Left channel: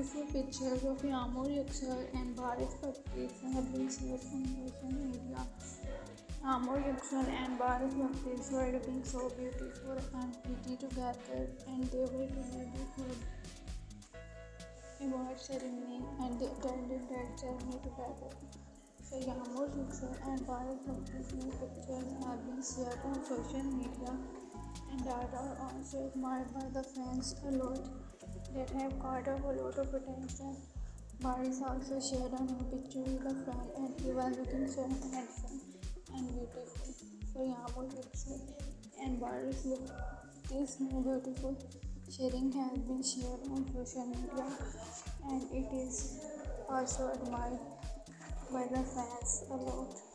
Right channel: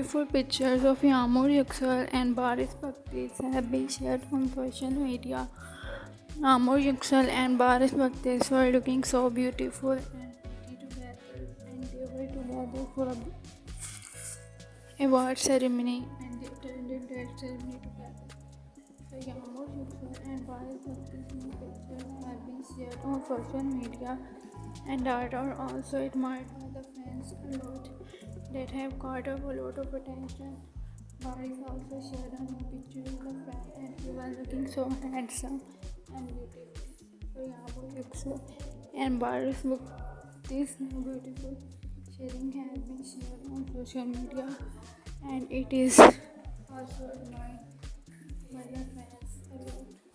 beautiful pictures of Yağmur Yüksel and Baris Baktas have been shared on social media. Yağmur Yüksel and Baris Baktas were looking so beautiful and pretty together, and they were together for a award ceremony, and they attended that ceremony together. So Yağmur Yüksel and Baris Baktas' new pictures have been shared on social media and are also admired by the fans a lot, that have caught up a lot of attention. Baris also shared a new picture with a friend, and he was looking so handsome and beautiful. So Yağmur Yüksel and Baris Baktas' new beautiful sharing has been shared on social media, and it is also admired by the fans a lot.